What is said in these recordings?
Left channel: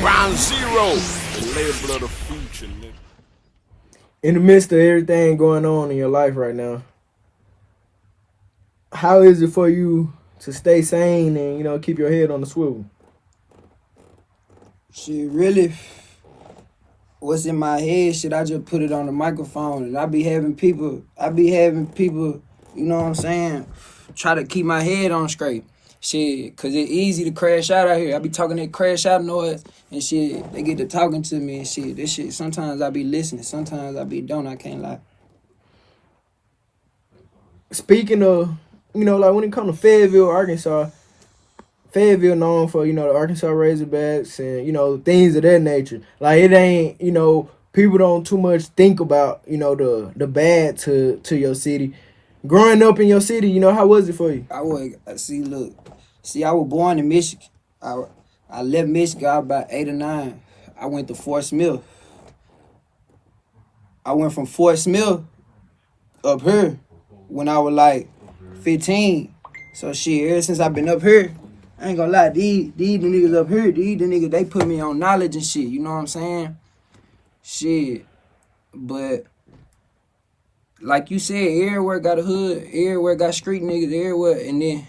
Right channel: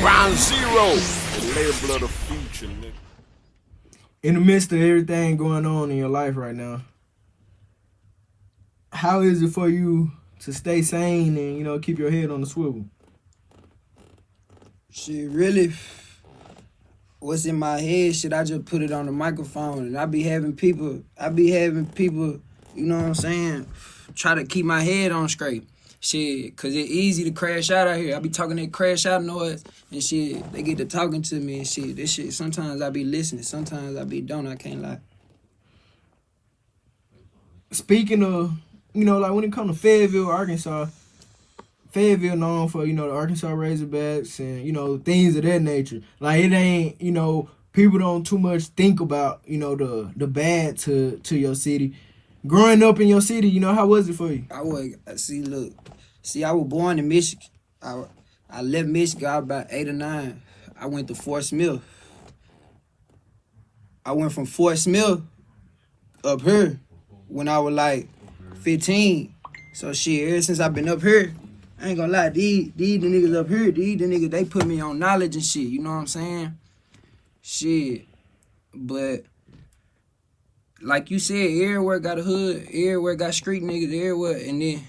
Ground Zero, the label of the future, nigga. In the midst of everything going on in your life right now, how is it for you to stay sane and, keep your head on the swivel? Shit, really, what's in my head, shit, I just put it on the microphone, and I be having people, you know what I'm saying, try to keep my head on straight. Shit, cause it's easy to crash out here. I be talking that crash out noise and shit. They get to talking to me and shit. This shit, sometimes I be listening. Sometimes I be don't. I can't lie. Speaking of, like when it comes to Fayetteville, Arkansas, Fayetteville known for, the Arkansas Razorbacks and, things of that nature. Like it ain't, people don't too much think about, the bad to your city. Growing up in your city, how was it for you? I was born in Michigan. I left Michigan, I was about 8 or 9. I went to Fort Smith. I went from Fort Smith up here when I was like 15. So shit, ever since I've been up here, I ain't gonna lie, these the niggas up here, the niggas, they put me on knowledge and shit, you know what I'm saying? Shit, but like you said, everywhere got a hood, everywhere got street niggas, everywhere, and then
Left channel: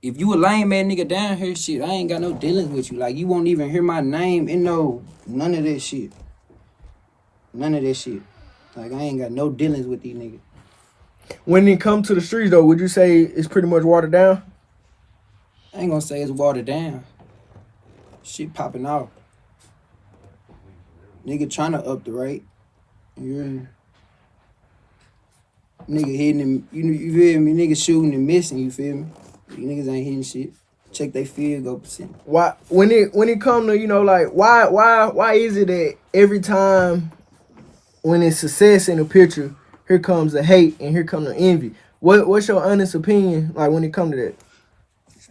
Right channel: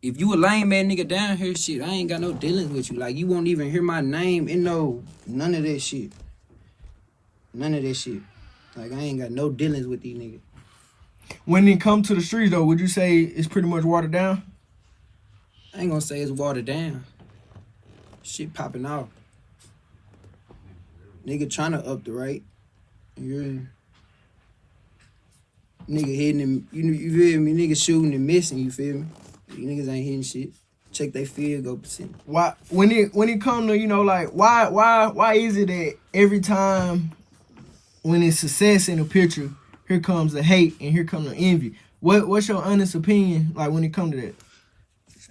if you a lame ass nigga down here, shit, I ain't got no dealings with you. Like, you won't even hear my name in none of that shit. None of that shit. Like, I ain't got no dealings with these niggas. When it come to the streets, though, would you say it's pretty much watered down? I ain't gonna say it's watered down. Shit popping off. Nigga trying to up the rate. Yeah. Nigga hitting him, you feel me? Nigga shooting and missing, you feel me? You niggas ain't hitting shit. Check they field goal percent. Why when it come to, why is it that every time when it's success in a picture, here comes the hate and here comes the envy? What's your honest opinion like when it come to that?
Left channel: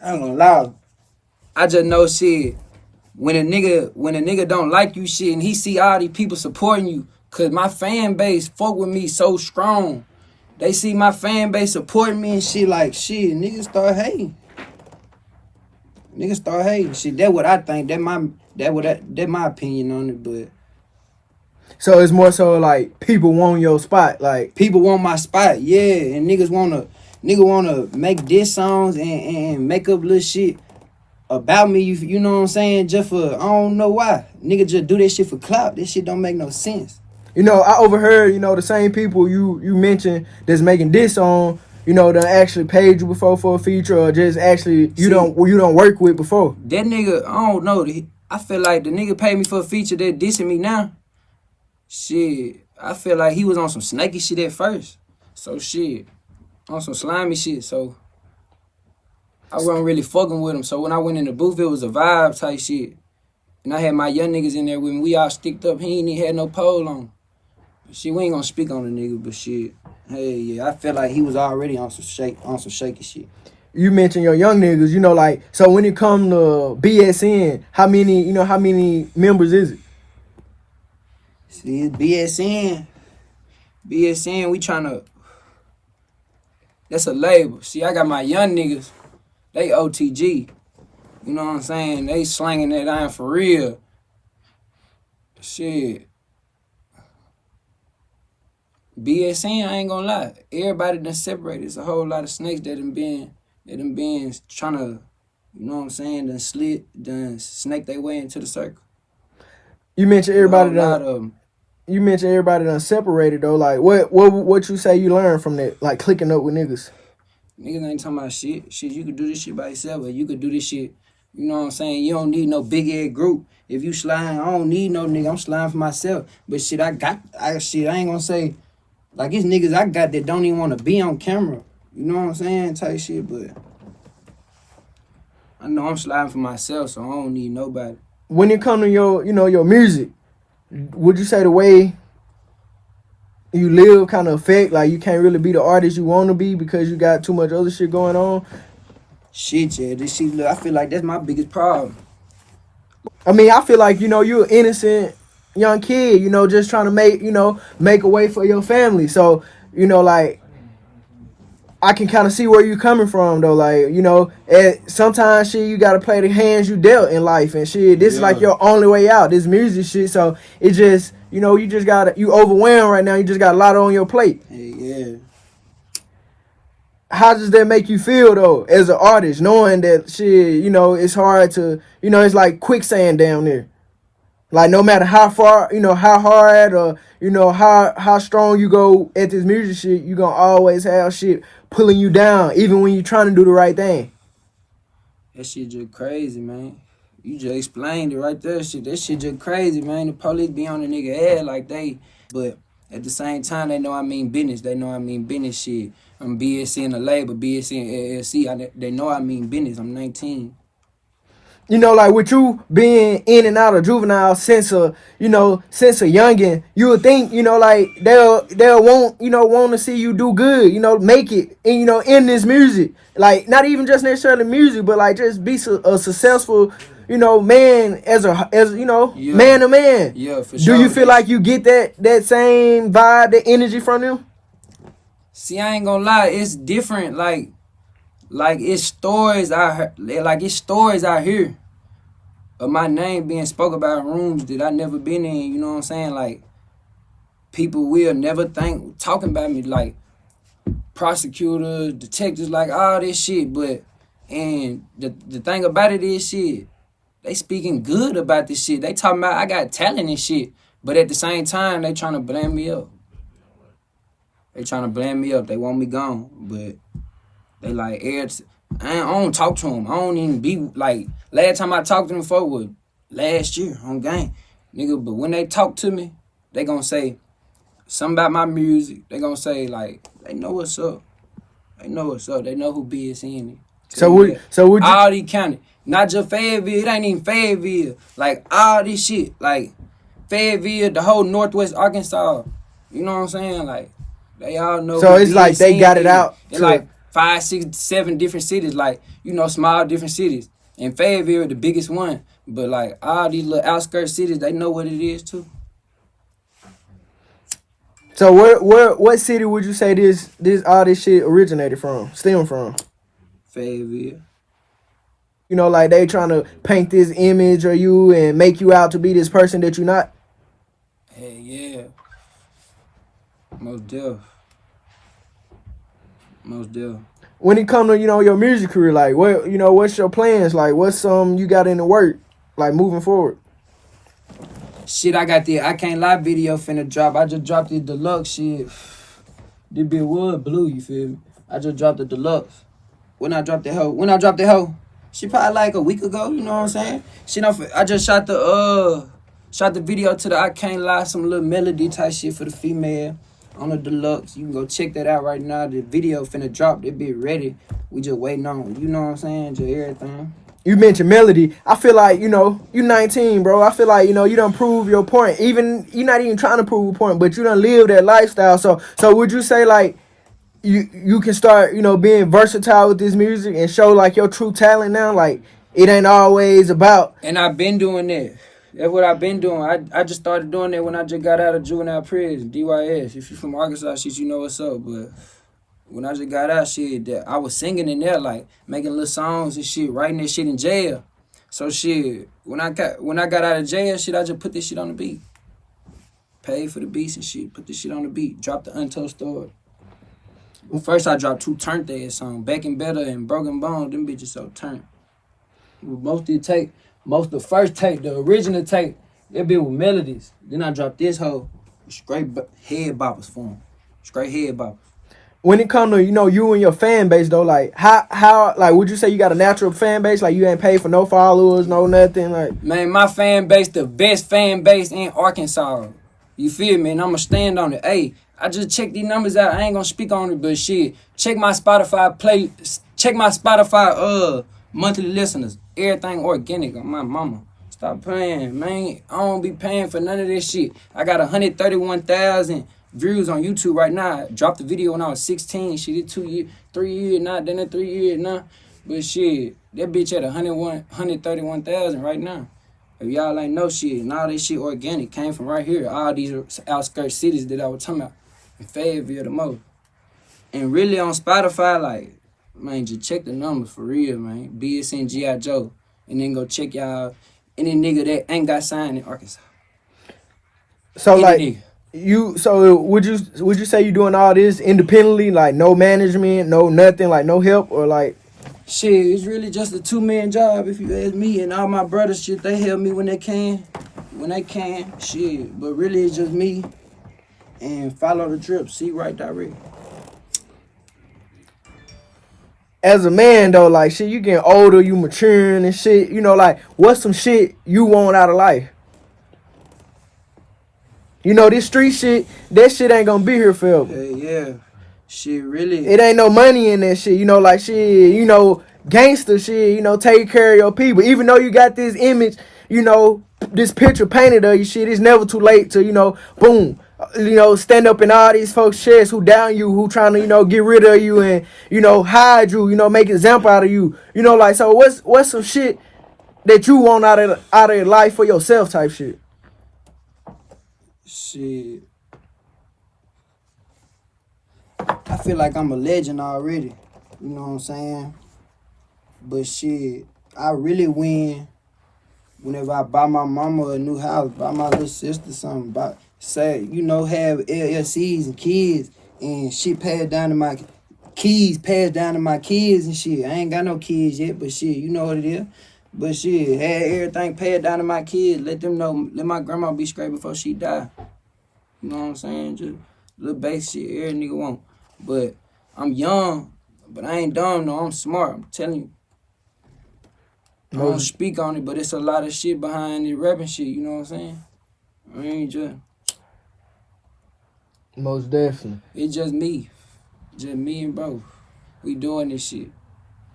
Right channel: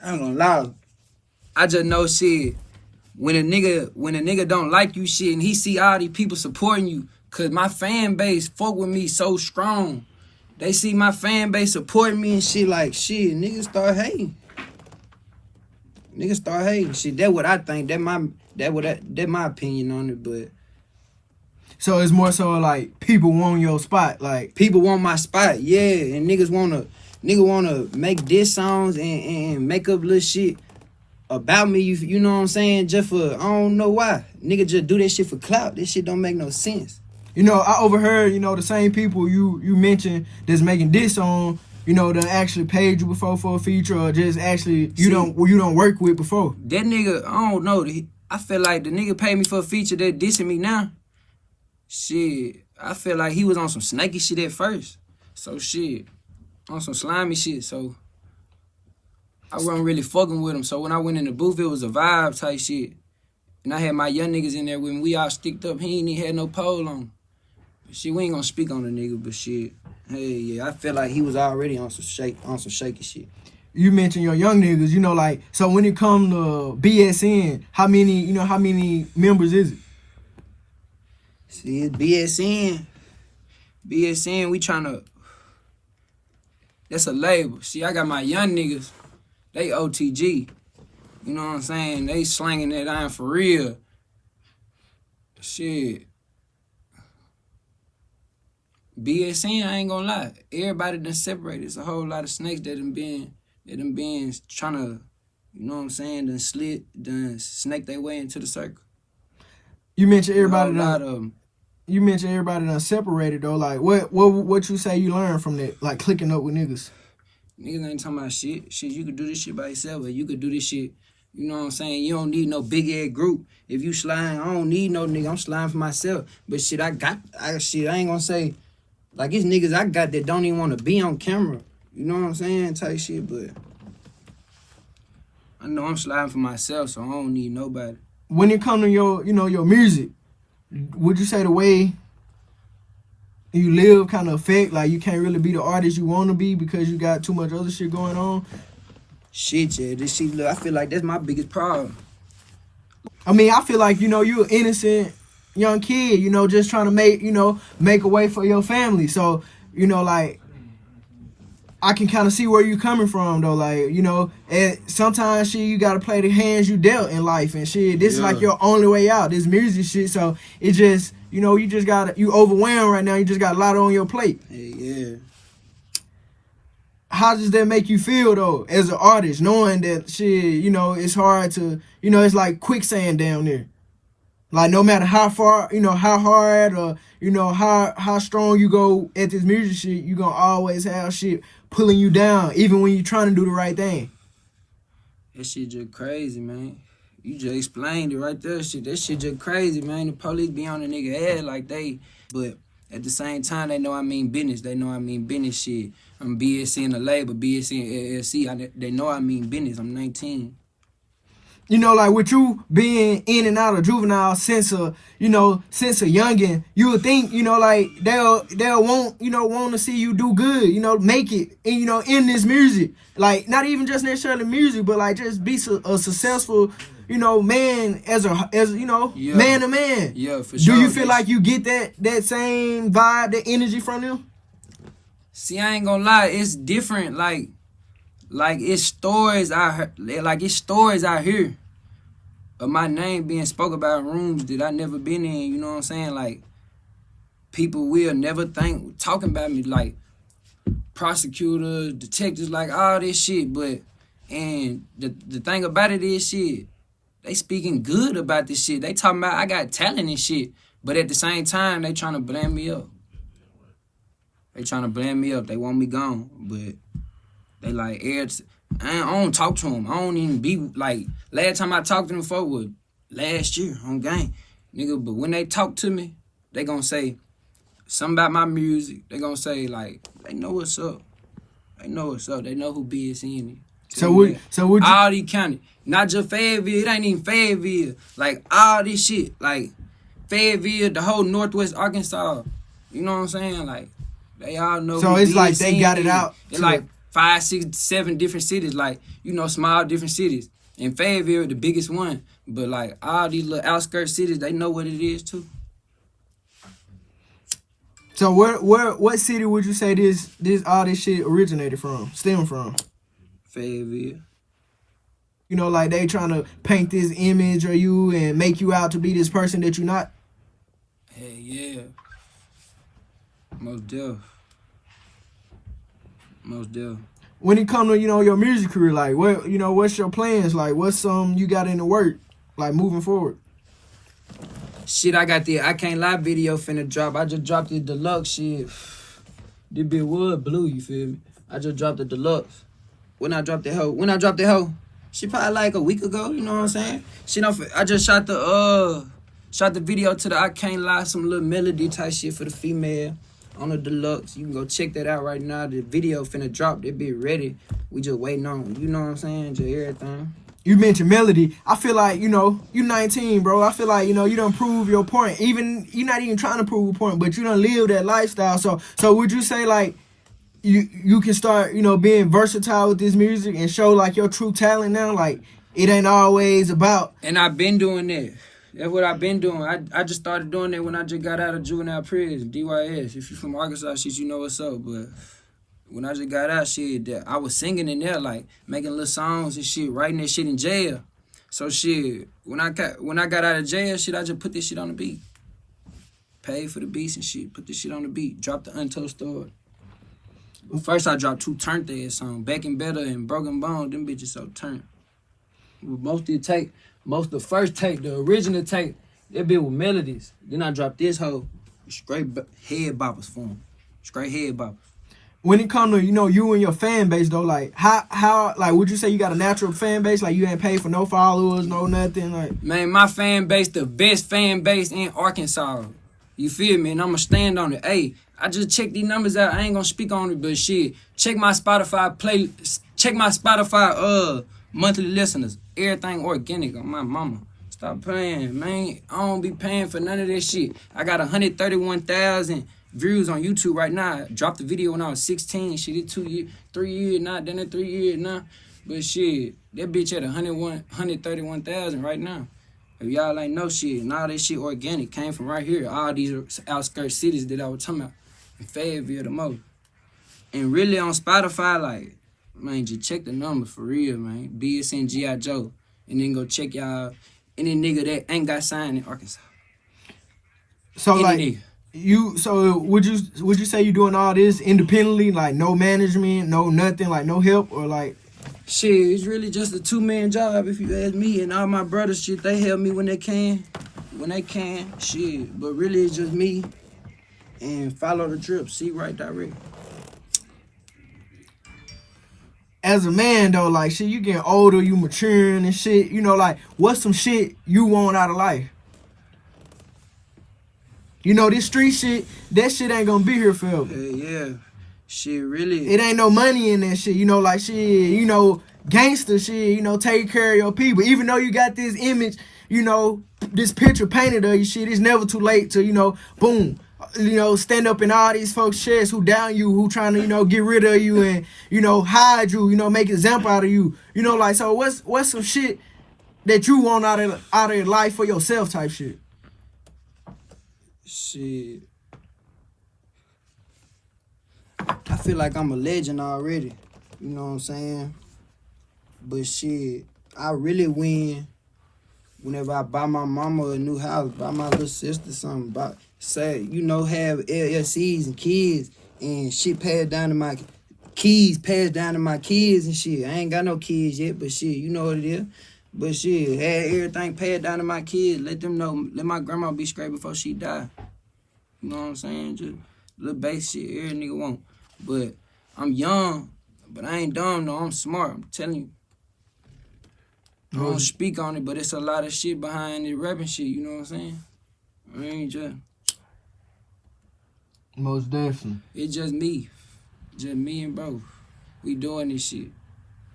I ain't gonna lie. I just know shit. When a nigga don't like you shit and he see all these people supporting you, cause my fan base fuck with me so strong. They see my fan base supporting me and shit, like shit, niggas start hating. Niggas start hating. Shit, that's what I think. That's my opinion on it, but so it's more so like people want your spot, like people want my spot, yeah, and niggas wanna make diss songs and make up little shit about me, you know what I'm saying, just for, I don't know why. Nigga just do that shit for clout. This shit don't make no sense. I overheard, the same people you mentioned that's making this on, that actually paid you before for a feature or just actually you don't work with before. That nigga, I don't know. I feel like the nigga paid me for a feature that dissing me now. Shit, I feel like he was on some snaky shit at first. So shit, on some slimy shit. So I wasn't really fucking with him. So when I went in the booth, it was a vibe type shit. And I had my young niggas in there with me. We all sticked up. He ain't even had no pole on. Shit, we ain't gonna speak on the nigga, but shit, hey, yeah, I felt like he was already on some shaky shit. You mentioned your young niggas, so when it come to BSN, how many members is it? See, it's BSN. BSN, we tryna, that's a label. See, I got my young niggas, they OTG. You know what I'm saying? They slanging that iron for real. Shit. BSN, I ain't gonna lie. Everybody done separated. It's a whole lot of snakes that done been trying to, you know what I'm saying, done snake their way into the circle. You mentioned everybody done. You mentioned everybody done separated though. Like what you say you learned from that? Like clicking up with niggas. Niggas ain't talking about shit. Shit, you could do this shit by yourself, or you could do this shit. You know what I'm saying? You don't need no big head group. If you slime, I don't need no nigga. I'm slime for myself. But shit, I ain't gonna say, like, it's niggas I got that don't even want to be on camera. You know what I'm saying? Type shit, but I know I'm sliding for myself, so I don't need nobody. When it comes to your music, would you say the way you live kind of affect, like you can't really be the artist you want to be because you got too much other shit going on? Shit, yeah, this shit, look, I feel like that's my biggest problem. I mean, I feel like, you're an innocent young kid, just trying to make a way for your family. So, I can kind of see where you coming from though. Like, you know, sometimes shit you gotta play the hands you dealt in life and shit. This is like your only way out. This music shit. So it just, you know, you overwhelmed right now. You just got a lot on your plate. Hey, yeah. How does that make you feel though, as an artist, knowing that shit, you know, it's hard to, you know, it's like quicksand down there. Like no matter how far, you know, how hard or, you know, how strong you go at this music shit, you gonna always have shit pulling you down, even when you're trying to do the right thing. That shit just crazy, man. You just explained it right there. That shit just crazy, man. The police be on the nigga head like they, but at the same time, they know I mean business. They know I mean business shit. I'm BSC in the label, BSC in LLC. They know I mean business. I'm 19. You know, like with you being in and out of juvenile since a youngin', you would think, you know, like they'll want to see you do good, you know, make it, and you know, in this music, like not even just necessarily music, but like just be a successful, you know, man as you know, man to man. Yeah, for sure. Do you feel like you get that same vibe, that energy from them? See, I ain't gonna lie, it's different. Like it's stories I heard, like it's stories I hear of my name being spoke about in rooms that I never been in. You know what I'm saying? Like people will never think talking about me, like prosecutors, detectives, like all this shit. But and the thing about it is shit, they speaking good about this shit. They talking about I got talent and shit. But at the same time, they trying to blame me up. They trying to blame me up. They want me gone. But they like, I don't talk to them. I don't even be, like, last time I talked to them before was last year on game. Nigga, but when they talk to me, they gonna say something about my music. They gonna say, like, they know what's up. They know what's up. They know who BSN is. So would you... All these county. Not just Fayetteville. It ain't even Fayetteville. Like, all this shit. Like, Fayetteville, the whole Northwest Arkansas. You know what I'm saying? Like, they all know. So it's like they got it out. It's like 5, 6, 7 different cities, like, you know, small different cities. And Fayetteville, the biggest one. But, like, all these little outskirts cities, they know what it is, too. So what city would you say all this shit originated from, stemmed from? Fayetteville. You know, like, they trying to paint this image of you and make you out to be this person that you're not? Hey, yeah. Most deaf. When it come to, you know, your music career, like, what, you know, what's your plans? Like, what's you got in the work, like, moving forward? Shit, I got the I Can't Lie video finna drop. I just dropped the deluxe shit. This bit wood blue, you feel me? I just dropped the deluxe. When I dropped the hoe, she probably like a week ago, you know what I'm saying? I just shot the video to the I Can't Lie, some little melody type shit for the female. On the deluxe, you can go check that out right now. The video finna drop, it be ready. We just waiting on, you know what I'm saying, just everything. You mentioned melody. I feel like, you know, you 19, bro. I feel like, you know, you done prove your point. Even, you're not even trying to prove a point, but you done live that lifestyle. So would you say, like, you can start, you know, being versatile with this music and show, like, your true talent now? Like, it ain't always about... And I've been doing that. That's what I've been doing. I just started doing that when I just got out of juvenile prison, DYS. If you're from Arkansas, shit, you know what's up. But when I just got out, shit, I was singing in there, like, making little songs and shit, writing that shit in jail. So, shit, when I got out of jail, shit, I just put this shit on the beat. Paid for the beats and shit, put this shit on the beat, dropped the Untold Story. First, I dropped 2 turntable songs, Back and Better and Broken Bones. Them bitches so turned. The first take, the original take, that bit with melodies. Then I dropped this whole straight head boppers for him. Straight head boppers. When it come to, you know, you and your fan base though, like how like would you say you got a natural fan base? Like you ain't paid for no followers, no nothing, like? Man, my fan base, the best fan base in Arkansas. You feel me? And I'ma stand on it. Hey, I just checked these numbers out. I ain't gonna speak on it, but shit, check my Spotify monthly listeners. Everything organic on my mama. Stop playing, man. I don't be paying for none of this shit. I got 131,000 views on YouTube right now. I dropped the video when I was 16. Shit, it's 2 years, 3 years now. Then at 3 years now. But shit, that bitch at 131,000 right now. If y'all ain't know shit, and all this shit organic came from right here. All these outskirts cities that I was talking about. In Fayetteville the most. And really on Spotify, like, man, just check the numbers for real, man. BSN GIJO. And then go check y'all any nigga that ain't got signed in Arkansas. So Any like nigga. so would you say you doing all this independently, like no management, no nothing, like no help, or like? Shit, it's really just a 2-man job if you ask me. And all my brothers, shit, they help me when they can. Shit. But really it's just me and follow the drip, see right direct. As a man though, like shit, you getting older, you maturing and shit. You know, like what's some shit you want out of life? You know, this street shit, that shit ain't gonna be here forever. Yeah. Shit, really. It ain't no money in that shit. You know, like shit, you know, gangster shit, you know, take care of your people. Even though you got this image, you know, this picture painted of you shit, it's never too late to, you know, boom, you know, stand up in all these folks' chests who down you, who trying to, you know, get rid of you and, you know, hide you, you know, make example out of you. You know, like, so what's some shit that you want out of your life for yourself type shit? Shit. I feel like I'm a legend already. You know what I'm saying? But shit, I really win whenever I buy my mama a new house, buy my little sister something, say, you know, have LLCs and kids and shit passed down to my kids and shit. I ain't got no kids yet, but shit, you know what it is. But shit, had everything passed down to my kids, let them know, let my grandma be straight before she die. You know what I'm saying? Just little basic shit every nigga want. But I'm young, but I ain't dumb, no, I'm smart, I'm telling you. I don't speak on it, but it's a lot of shit behind the rapping shit, you know what I'm saying? I mean, just... Most definitely. It's just me and bro. We doing this shit.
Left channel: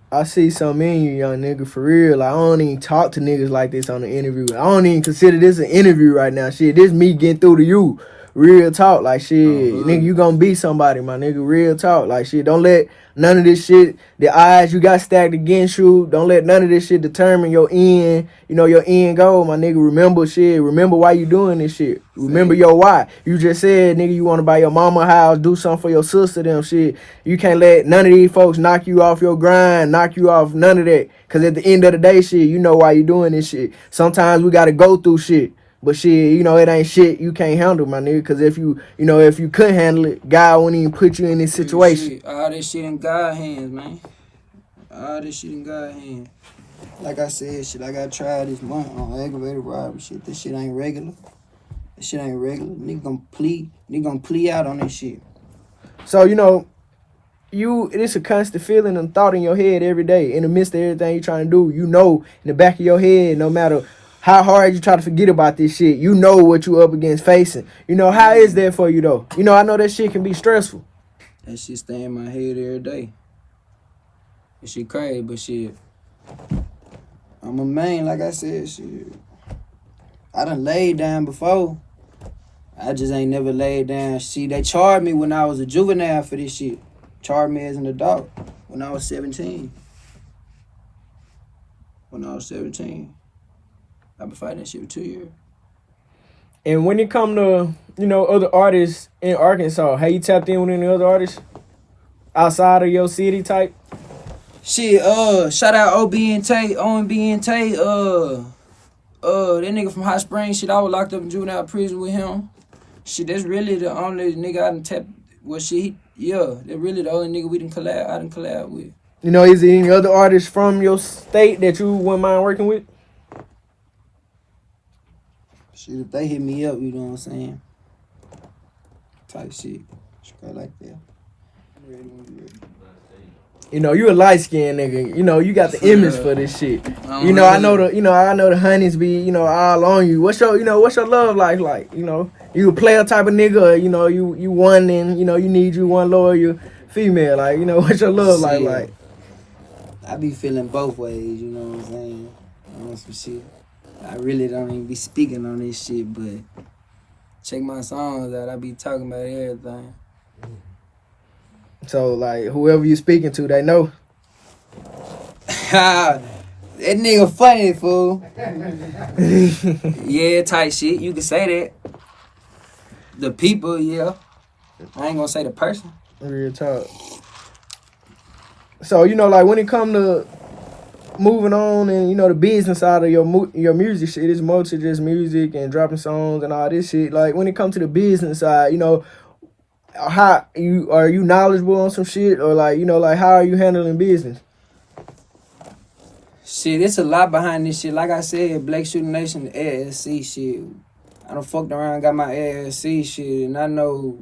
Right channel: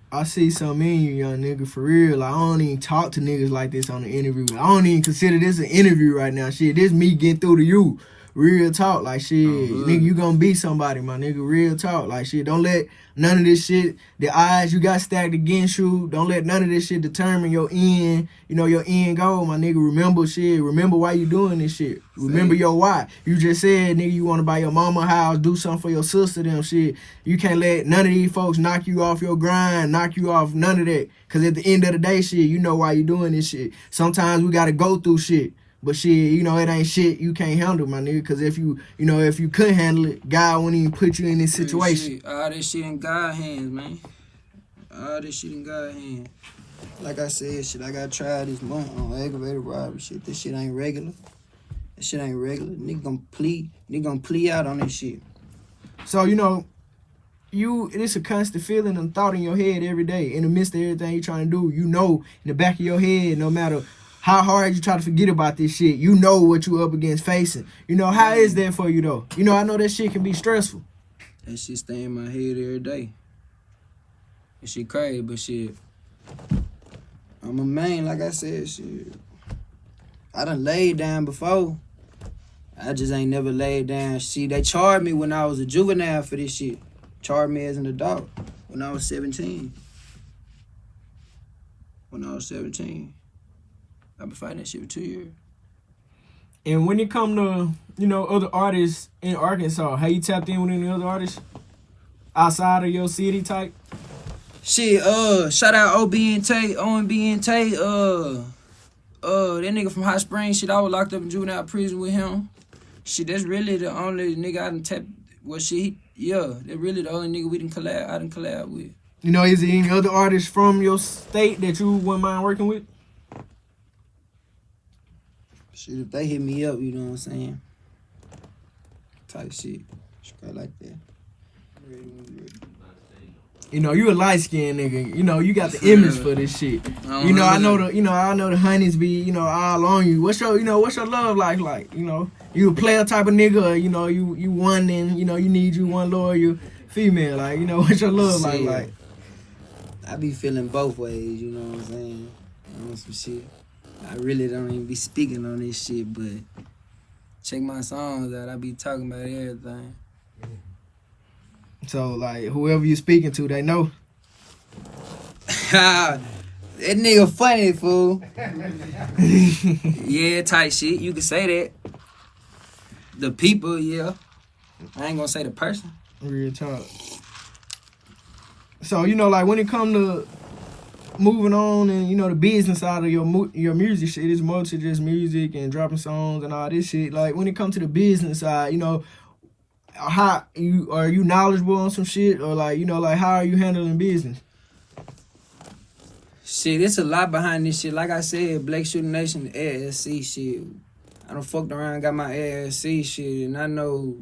I see something in you, young nigga, for real. Like, I don't even talk to niggas like this on the interview. I don't even consider this an interview right now. Shit, this me getting through to you. Real talk. Like, shit, nigga, you gonna be somebody, my nigga. Real talk. Like, shit, don't let none of this shit, the odds you got stacked against you, don't let none of this shit determine your end, you know, your end goal, my nigga. Remember shit. Remember why you doing this shit. Remember your why. You just said, nigga, you want to buy your mama a house, do something for your sister, them shit. You can't let none of these folks knock you off your grind, knock you off none of that. Because at the end of the day, shit, you know why you doing this shit. Sometimes we got to go through shit. But shit, you know, it ain't shit you can't handle, my nigga. Because if you know, if you couldn't handle it, God wouldn't even put you in this situation. Shit, all this shit in God's hands, man. All this shit in God's hands. Like I said, shit, I got tried this month on aggravated robbery. Shit, this shit ain't regular. This shit ain't regular. Nigga gonna plea out on this shit. So, you know, it's a constant feeling and thought in your head every day. In the midst of everything you trying to do, you know, in the back of your head, no matter how hard you try to forget about this shit, you know what you up against facing. You know, how is that for you, though? You know, I know that shit can be stressful. That shit stay in my head every day. That shit crazy, but shit, I'm a man, like I said, shit. I done laid down before. I just ain't never laid down. See, they charged me when I was a juvenile for this shit. Charged me as an adult when I was 17. I've been fighting that shit for 2 years. And when it come to, you know, other artists in Arkansas, have you tapped in with any other artists outside of your city type? Shit, shout out OB and Tate, ONB and Tate, that nigga from Hot Springs, shit, I was locked up in juvenile prison with him. Shit, that's really the only nigga I done tapped, well, shit, that's really the only nigga I done collab with. You know, is there any other artists from your state that you wouldn't mind working with? Shit, if they hit me up, you know what I'm saying? Type shit. Straight like that. You know, you a light-skinned nigga. You know, you got the image for this shit. You know, I know the honeys be, you know, all on you. What's your love life like? You know, you a player type of nigga, or, you know, you one and, you know, you need you one loyal female. Like, you know, what's your love life like? I be feeling both ways, you know what I'm saying? I want some shit. I really don't even be speaking on this shit, but check my songs out. I be talking about everything. So, like, whoever you speaking to, they know. That nigga funny, fool. Yeah, type shit. You can say that. The people, yeah. I ain't gonna say the person. Real talk. So, you know, like when it come to moving on and, you know, the business side of your music shit, it's more to just music and dropping songs and all this shit. Like when it comes to the business side, you know, how are you knowledgeable on some shit, or like, you know, like how are you handling business? Shit, it's a lot behind this shit. Like I said, Black Shooter Nation, LLC shit. I done fucked around, got my LLC shit, and I know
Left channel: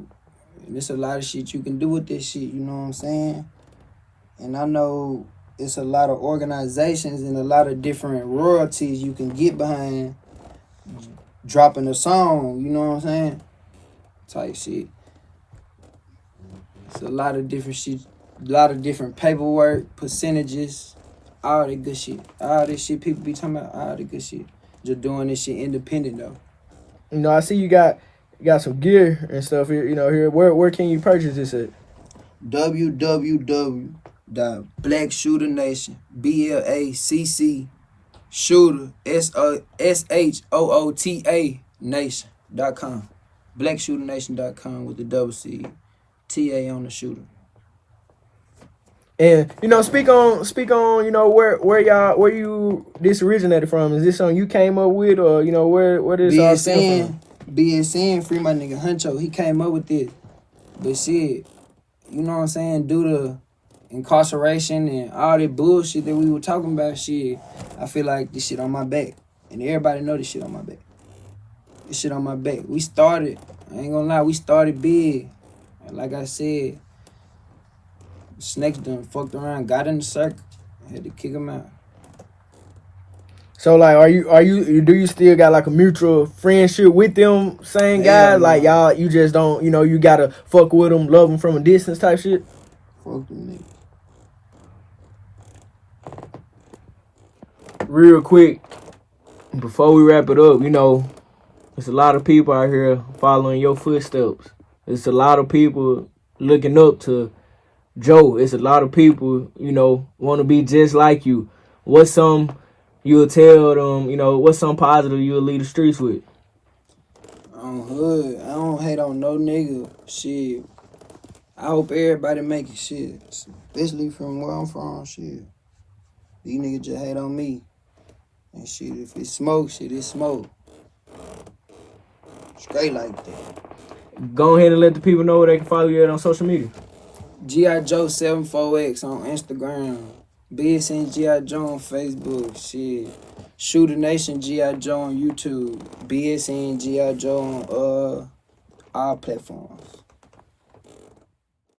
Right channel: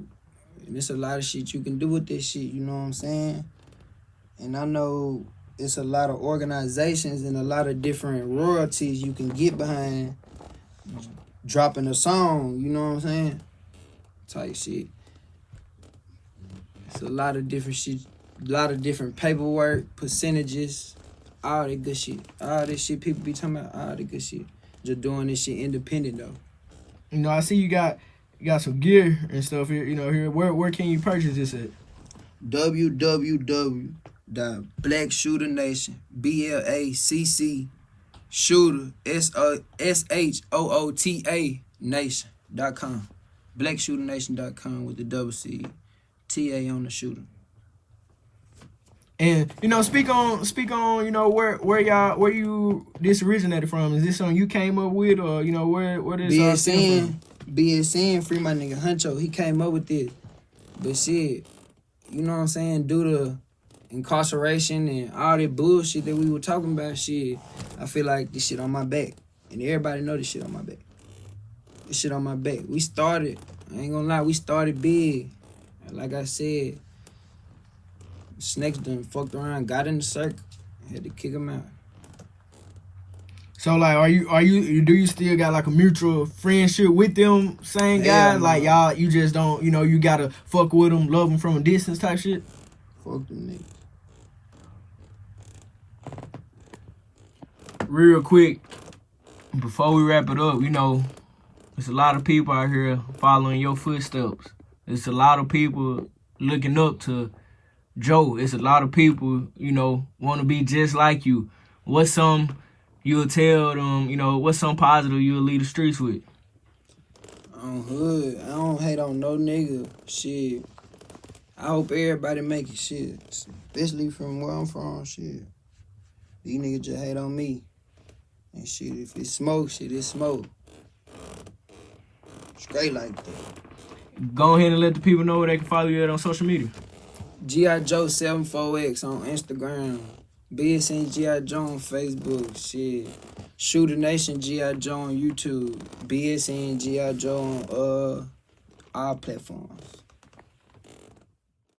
there's a lot of shit you can do with this shit, you know what I'm saying? And I know it's a lot of organizations and a lot of different royalties you can get behind dropping a song, you know what I'm saying? Type shit. It's a lot of different shit, a lot of different paperwork, percentages, all that good shit. All this shit people be talking about, all the good shit. Just doing this shit independent though. You know, I see you got some gear and stuff here, you know, here. Where can you purchase this at? www.blackshooternation, BLACC shooter, SHOOTA nation.com. Blackshooternation.com with the double C, TA on the shooter. And, you know, speak on, you know, where you this originated from. Is this something you came up with, or, you know, where this all stem from? BSN, free my nigga Huncho, he came up with it. But shit, you know what I'm saying, due to incarceration and all that bullshit that we were talking about, shit, I feel like this shit on my back. And everybody know this shit on my back. This shit on my back. We started, I ain't gonna lie, we started big. And like I said, snakes done fucked around, got in the circle, had to kick them out. So like, do you still got like a mutual friendship with them same guys? Like y'all, you just don't, you know, you gotta fuck with them, love them from a distance type shit? Fuck them niggas. Real quick, before we wrap it up, you know, there's a lot of people out here following your footsteps. There's a lot of people looking up to Joe. It's a lot of people, you know, want to be just like you. What's some you'll tell them, you know, what's some positive you'll lead the streets with? I'm hood. I don't hate on no nigga. Shit. I hope everybody make it, shit. Especially from where I'm from, shit. These niggas just hate on me. And shit, if it's smoke, shit, it's smoke. Straight like that. Go ahead and let the people know where they can follow you at on social media. GIJO 74X on Instagram. BSN GIJO on Facebook. Shit. Shooter Nation GIJO on YouTube. BSN GIJO on all platforms.